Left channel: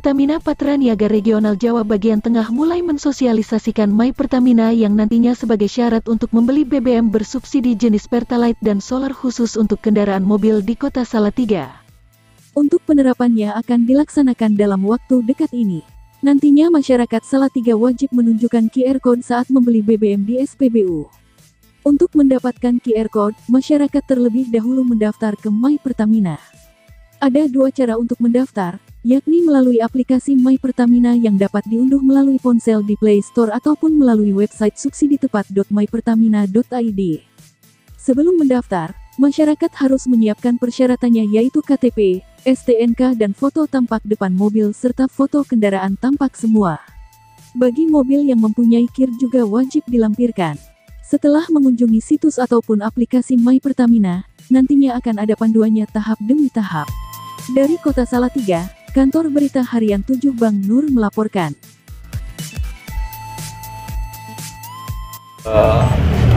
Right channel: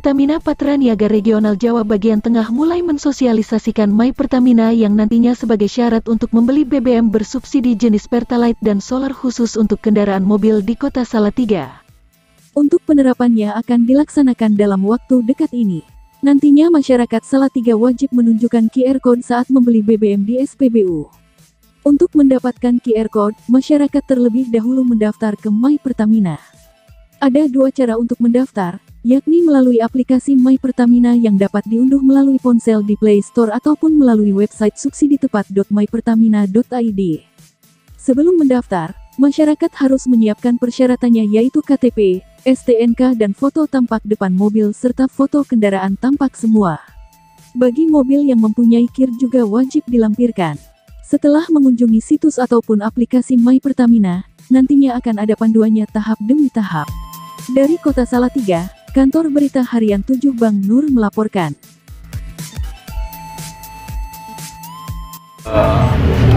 Pertamina Patraniaga Regional Jawa bagian tengah mulai mensosialisasikan My Pertamina yang nantinya sebagai syarat untuk membeli BBM bersubsidi jenis Pertalite dan solar khusus untuk kendaraan mobil di Kota Salatiga. Untuk penerapannya akan dilaksanakan dalam waktu dekat ini. Nantinya masyarakat Salatiga wajib menunjukkan QR Code saat membeli BBM di SPBU. Untuk mendapatkan QR Code, masyarakat terlebih dahulu mendaftar ke My Pertamina. Ada dua cara untuk mendaftar, yakni melalui aplikasi My Pertamina yang dapat diunduh melalui ponsel di Play Store ataupun melalui website subsiditepat.mypertamina.id. Sebelum mendaftar, masyarakat harus menyiapkan persyaratannya yaitu KTP, STNK dan foto tampak depan mobil serta foto kendaraan tampak semua. Bagi mobil yang mempunyai KIR juga wajib dilampirkan. Setelah mengunjungi situs ataupun aplikasi My Pertamina, nantinya akan ada panduannya tahap demi tahap. Dari Kota Salatiga, Kantor Berita Harian 7 Bang Nur melaporkan.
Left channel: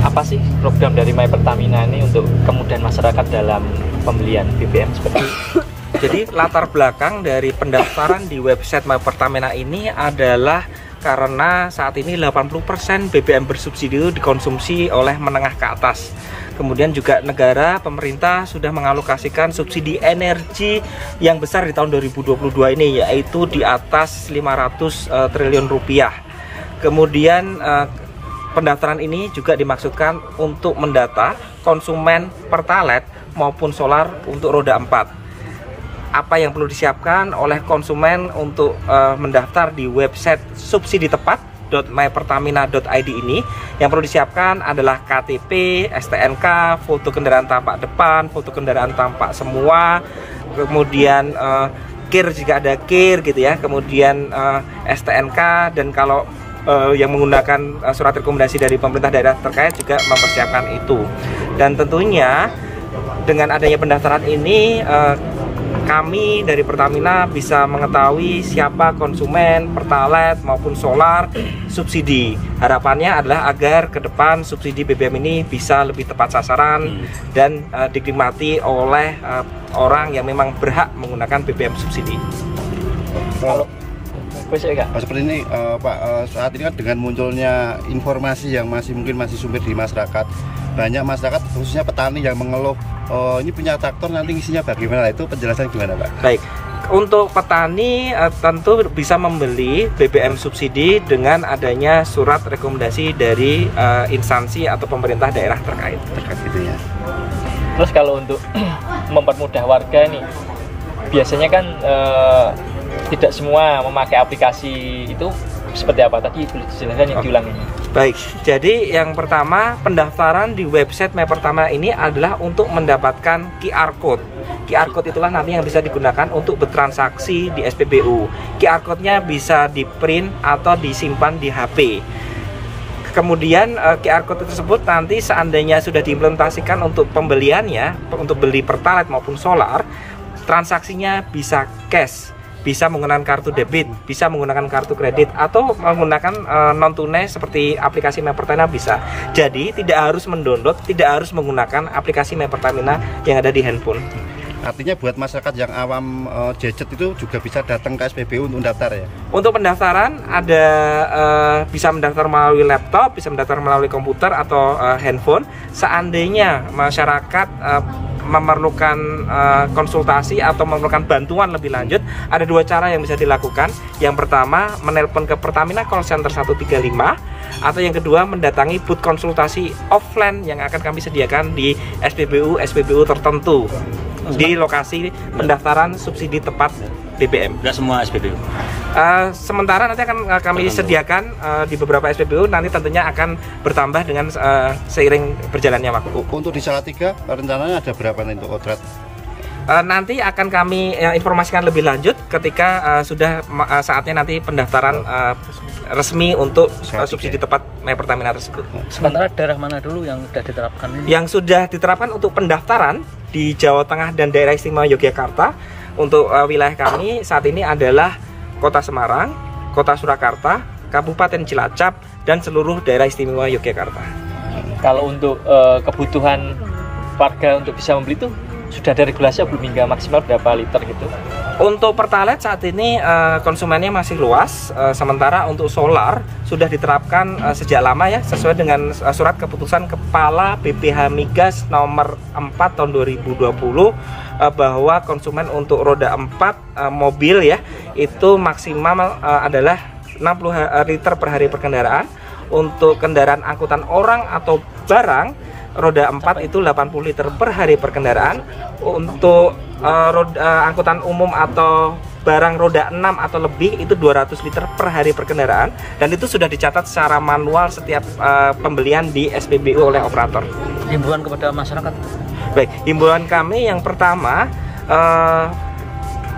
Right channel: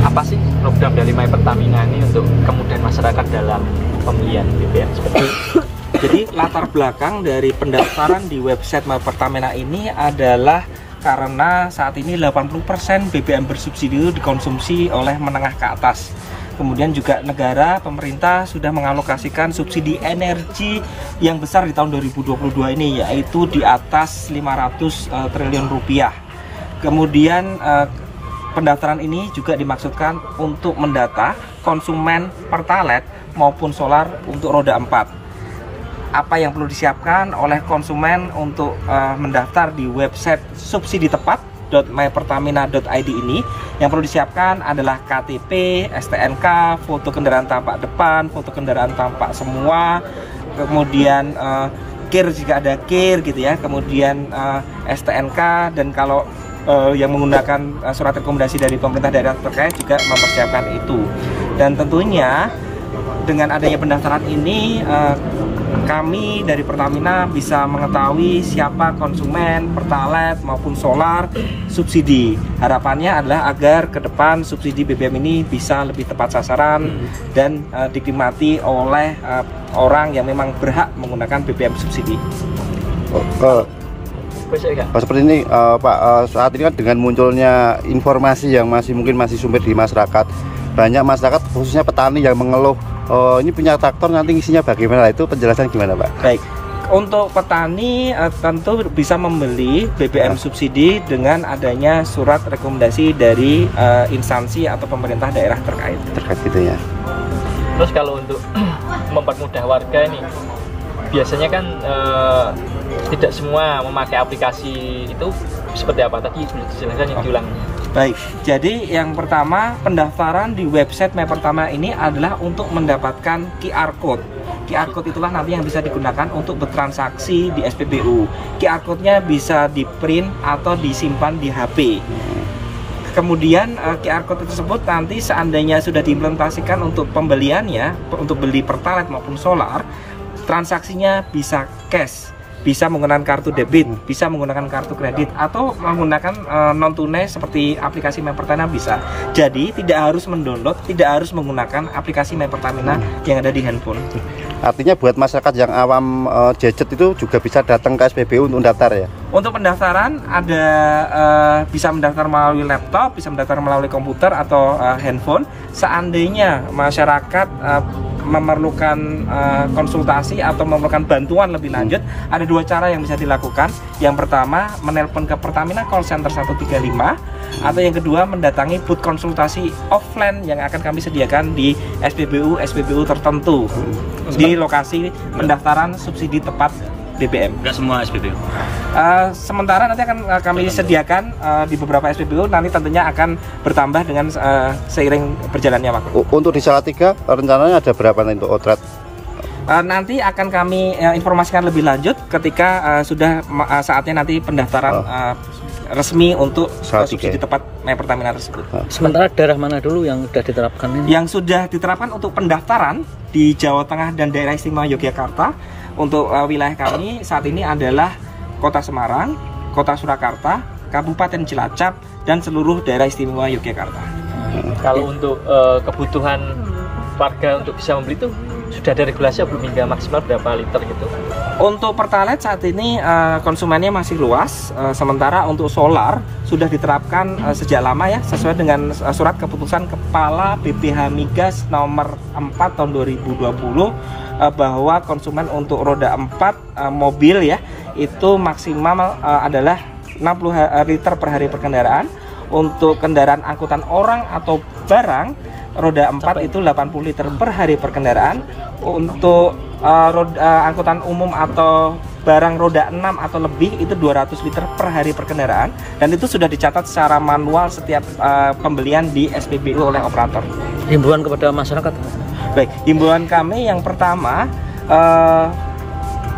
Apa sih program dari My Pertamina ini untuk kemudian masyarakat dalam pembelian BBM seperti itu? Jadi latar belakang dari pendaftaran di website My Pertamina ini adalah karena saat ini 80% BBM bersubsidi itu dikonsumsi oleh menengah ke atas. Kemudian juga negara, pemerintah sudah mengalokasikan subsidi energi yang besar di tahun 2022 ini, yaitu di atas 500 triliun rupiah. Kemudian pendaftaran ini juga dimaksudkan untuk mendata konsumen Pertalite maupun solar untuk roda 4. Apa yang perlu disiapkan oleh konsumen untuk mendaftar di website subsiditepat.mypertamina.id ini, yang perlu disiapkan adalah KTP, STNK, foto kendaraan tampak depan, foto kendaraan tampak semua, kemudian KIR jika ada KIR gitu ya, kemudian STNK, dan kalau yang menggunakan surat rekomendasi dari pemerintah daerah terkait juga mempersiapkan itu. Dan tentunya dengan adanya pendaftaran ini kami dari Pertamina bisa mengetahui siapa konsumen Pertalite maupun solar subsidi. Harapannya adalah agar ke depan subsidi BBM ini bisa lebih tepat sasaran dan dinikmati oleh orang yang memang berhak menggunakan BBM subsidi. Seperti ini Pak, saat ini kan dengan munculnya informasi yang mungkin masih sumber di masyarakat, banyak masyarakat khususnya petani yang mengeluh, ini punya traktor nanti isinya bagaimana, itu penjelasan gimana Pak? Baik, untuk petani tentu bisa membeli BBM subsidi dengan adanya surat rekomendasi dari instansi atau pemerintah daerah terkait Gitu ya. Terus kalau untuk mempermudah warga nih, biasanya kan tidak semua memakai aplikasi itu, seperti apa? Tadi boleh dijelaskan diulangi. Baik, jadi yang pertama pendaftaran di website My Pertamina ini adalah untuk mendapatkan QR Code. QR Code itulah nanti yang bisa digunakan untuk bertransaksi di SPBU. QR Code-nya bisa di-print atau disimpan di HP. Kemudian QR Code tersebut nanti seandainya sudah diimplementasikan untuk pembeliannya, untuk beli Pertalite maupun solar, transaksinya bisa cash, bisa menggunakan kartu debit, bisa menggunakan kartu kredit, atau menggunakan non tunai seperti aplikasi My Pertamina bisa. Jadi tidak harus mendownload, tidak harus menggunakan aplikasi My Pertamina yang ada di handphone. Artinya buat masyarakat yang awam gadget itu juga bisa datang ke SPBU untuk mendaftar ya? Untuk pendaftaran ada bisa mendaftar melalui laptop, bisa mendaftar melalui komputer atau handphone. Seandainya masyarakat memerlukan konsultasi atau memerlukan bantuan lebih lanjut, ada dua cara yang bisa dilakukan. Yang pertama, menelpon ke Pertamina Call Center 135, atau yang kedua mendatangi booth konsultasi offline yang akan kami sediakan di SPBU tertentu di lokasi pendaftaran subsidi tepat BBM. Enggak semua SPBU. Sementara nanti akan kami sediakan di beberapa SPBU, nanti tentunya akan bertambah dengan seiring berjalannya waktu. Untuk di Salatiga rencananya ada berapa untuk outlet? Nanti akan kami informasikan lebih lanjut ketika sudah saatnya nanti pendaftaran resmi untuk subsidi tepat My Pertamina tersebut. Sementara daerah mana dulu yang sudah diterapkan ini? Yang sudah diterapkan untuk pendaftaran di Jawa Tengah dan daerah istimewa Yogyakarta. Untuk wilayah kami saat ini adalah Kota Semarang, Kota Surakarta, Kabupaten Cilacap, dan seluruh daerah istimewa Yogyakarta. Kalau untuk kebutuhan warga untuk bisa membeli itu sudah ada regulasi belum hingga maksimal berapa liter gitu? Untuk Pertalite saat ini konsumennya masih luas, sementara untuk solar sudah diterapkan sejak lama ya, sesuai dengan surat keputusan Kepala BPH Migas nomor 4 tahun 2020 bahwa konsumen untuk roda 4 mobil ya itu maksimal adalah 60 liter per hari per kendaraan. Untuk kendaraan angkutan orang atau barang roda 4 itu 80 liter per hari per kendaraan. Untuk angkutan umum atau barang roda 6 atau lebih itu 200 liter per hari per kendaraan, dan itu sudah dicatat secara manual setiap pembelian di SPBU oleh operator. Himbauan kepada masyarakat. Baik, himbauan kami yang pertama,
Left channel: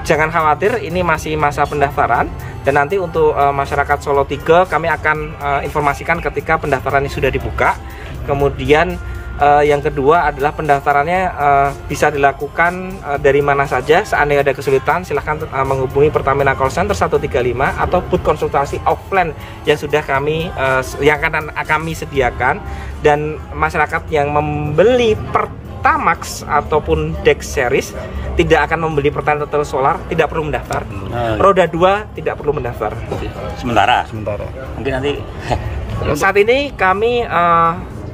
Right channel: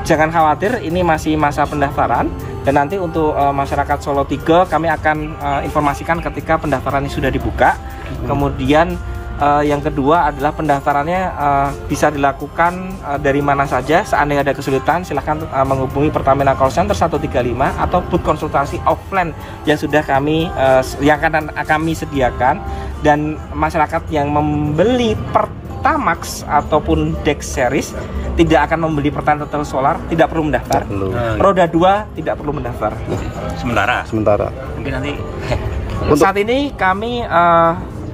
jangan khawatir, ini masih masa pendaftaran. Dan nanti untuk masyarakat Solo 3 kami akan informasikan ketika pendaftarannya sudah dibuka. Kemudian yang kedua adalah pendaftarannya bisa dilakukan dari mana saja. Seandainya ada kesulitan silahkan menghubungi Pertamina Call Center 135 atau booth konsultasi offline yang sudah kami sediakan. Dan masyarakat yang membeli Pertamax ataupun Dex Series tidak akan membeli Pertalite atau solar, tidak perlu mendaftar. Roda 2 tidak perlu mendaftar. Sementara. Mungkin nanti. Saat ini kami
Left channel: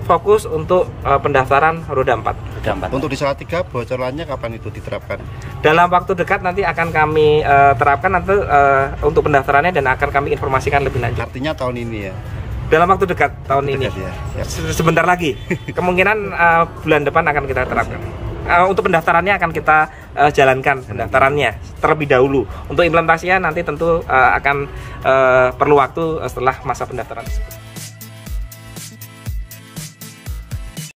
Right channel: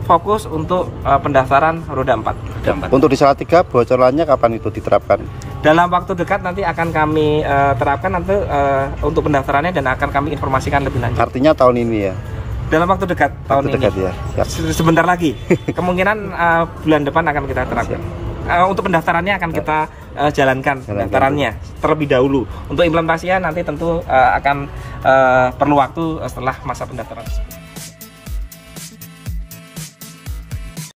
fokus untuk pendaftaran roda 4. Untuk di Salatiga bocorannya kapan itu diterapkan? Dalam waktu dekat nanti akan kami terapkan nanti untuk pendaftarannya dan akan kami informasikan lebih lanjut. Artinya tahun ini ya? Dalam waktu dekat tahun ini. Ya. Sebentar lagi. Kemungkinan bulan depan akan kita terapkan. Untuk pendaftarannya akan kita jalankan pendaftarannya terlebih dahulu. Untuk implementasinya nanti tentu akan perlu waktu setelah masa pendaftaran.